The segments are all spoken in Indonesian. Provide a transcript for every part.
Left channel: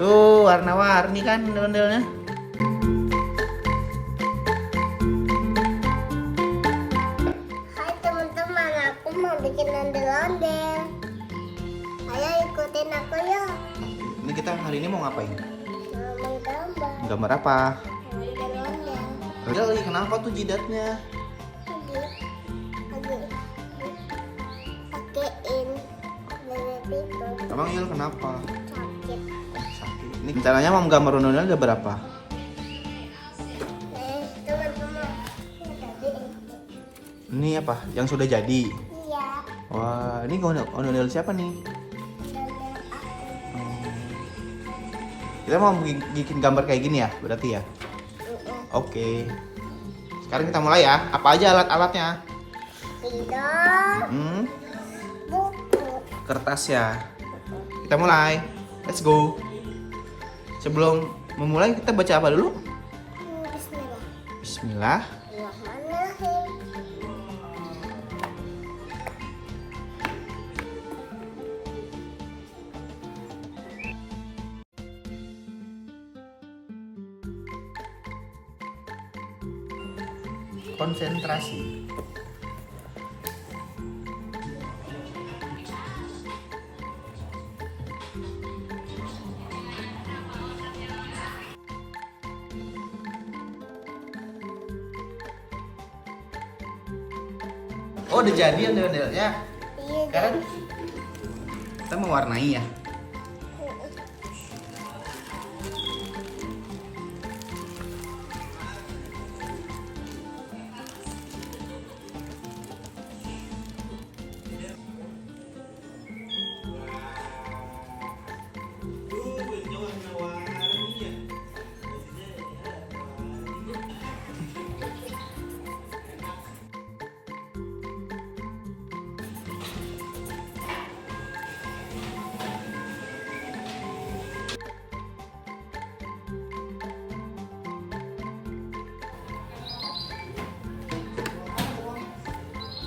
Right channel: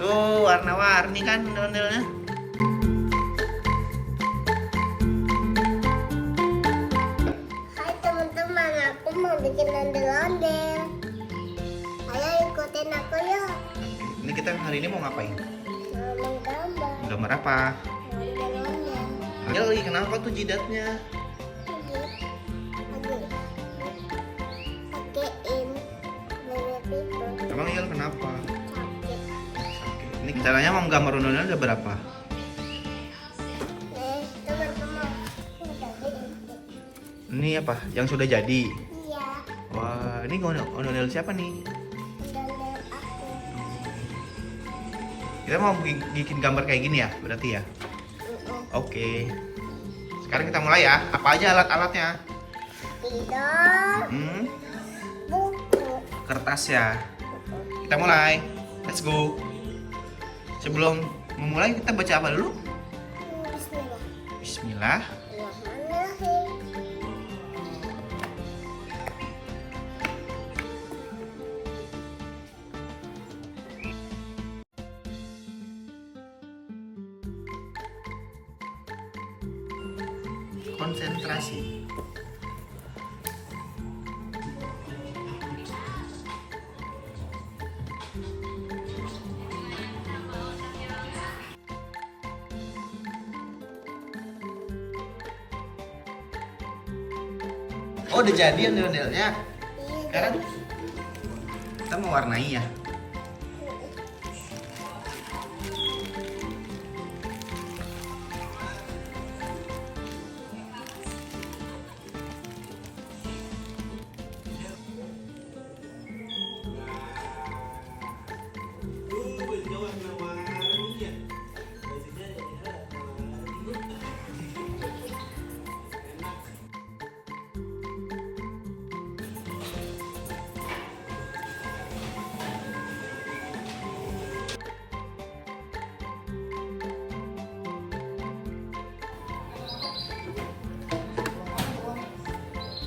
Tuh warna-warni kan ondel-ondelnya. Hai teman-teman, aku mau bikin ondel-ondel. Ayo ikutin aku yuk. Ini kita hari ini mau ngapain? Mau menggambar Gambar apa? ondel-ondel. Lagi kenapa tuh jidatnya? Lagi pakein bebek itu Emang Yel kenapa? sakit. Sakit. Ini caranya mau gambar ondel-ondel ada berapa? Teman-teman, Ini apa? Yang sudah jadi? iya, Wah, ini ondel-ondel siapa nih? ondel aku. Kita mau bikin gambar kayak gini ya, berarti ya? Oke. Sekarang kita mulai ya. Apa aja alat-alatnya? Spidol, buku. Kertas ya. Kita mulai. Let's go. Sebelum memulai kita baca apa dulu? Bismillah. Bismillah. Bismillahirrahmanirrahim. Konsentrasi. Oh, udah jadi ondel-ondelnya. Iya, Sekarang kita mewarnai ya.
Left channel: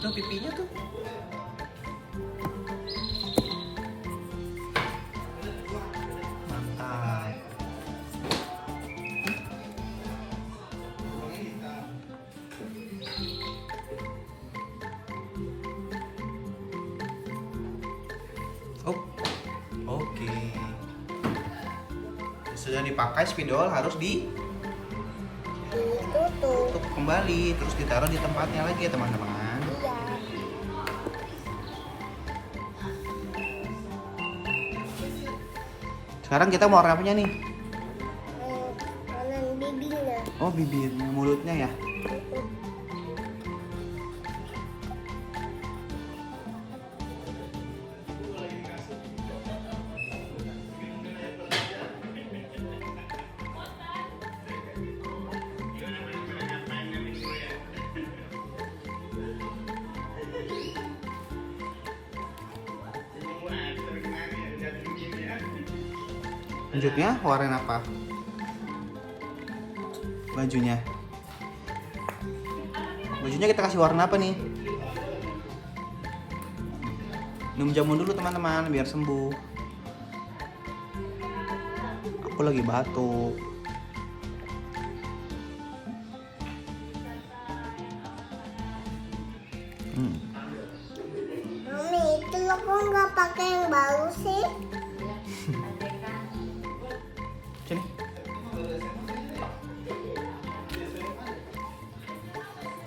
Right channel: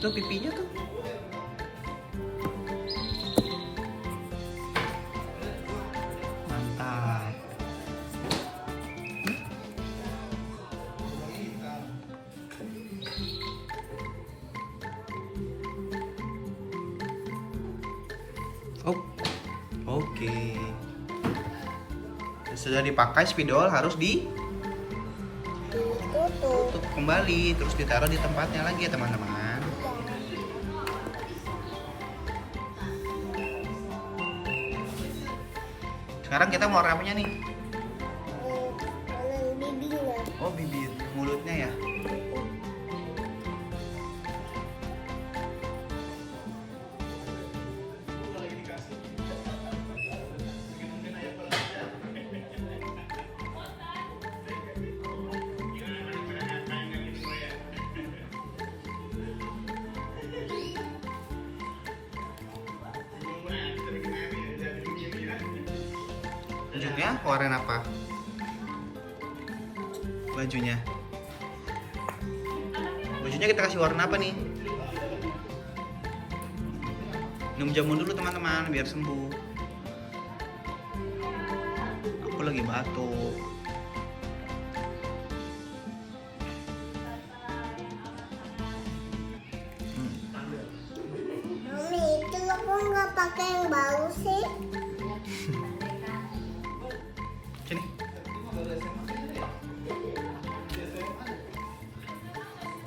Tuh pipinya tuh. Mantap. Oh, oke. Sudah dipakai spidol harus tutup. ditutup kembali, terus ditaruh di tempatnya lagi ya teman-teman. Sekarang kita mau warna apanya nih? Warna bibirnya. Oh, bibir, mulutnya ya. Lanjutnya warna apa? Bajunya. Bajunya kita kasih warna apa nih? Minum jamu dulu teman-teman biar sembuh. Aku lagi batuk. Mami, itu lo kok nggak pakai yang baru sih? Sini.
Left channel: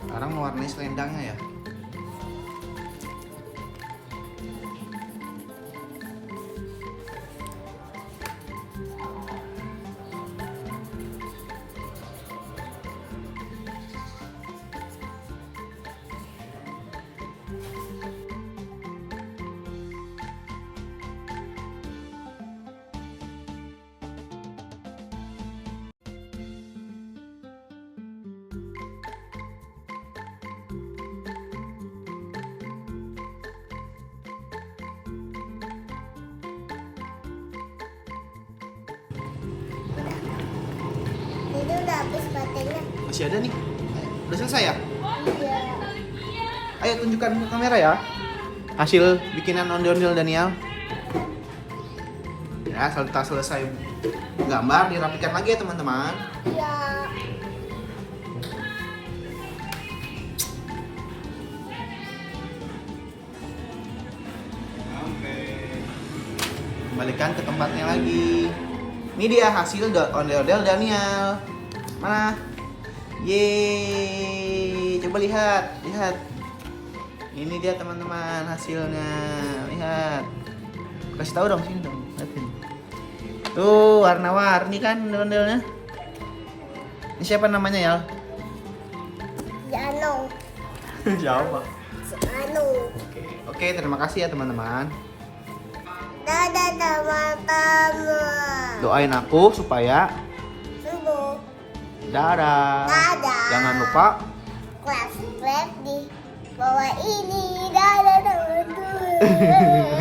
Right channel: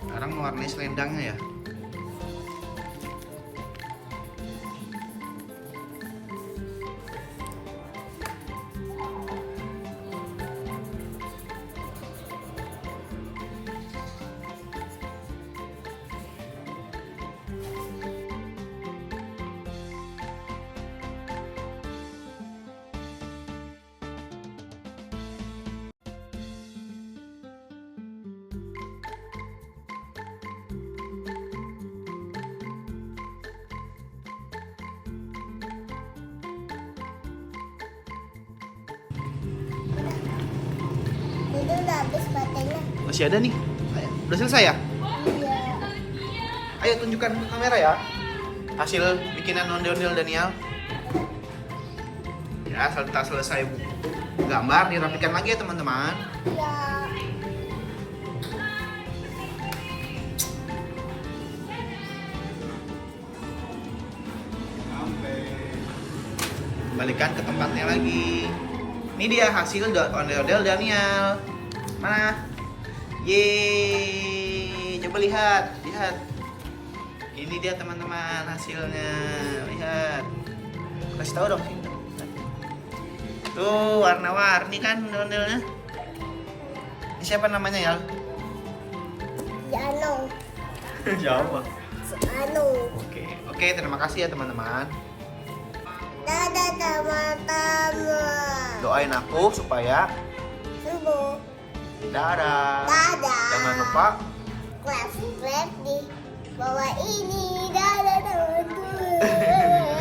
Sekarang mewarnai selendangnya ya. Jadi udah habis baterainya. Masih ada nih. Ayo, udah selesai ya? Iya. Ayo tunjukkan ke kamera ya. Hasil bikinan ondel-ondel Daniel. Ya, selesai. gambar dirapikan lagi ya teman-teman. Ya. Kembalikan ke tempatnya lagi. Ini dia hasil ondel-ondel Daniel. Mana? Yeay, coba lihat. Ini dia teman-teman hasilnya. Lihat. Kasih tahu dong. Tuh, warna-warni kan ondel-ondelnya. Ini siapa namanya, Yal? Jano. Siapa? Jano. Oke, terima kasih ya teman-teman. Dadah teman-teman. Doain aku supaya Subuh. dadah. Dadah. Jangan lupa Subscribe di bawah ini. Dadah teman-teman.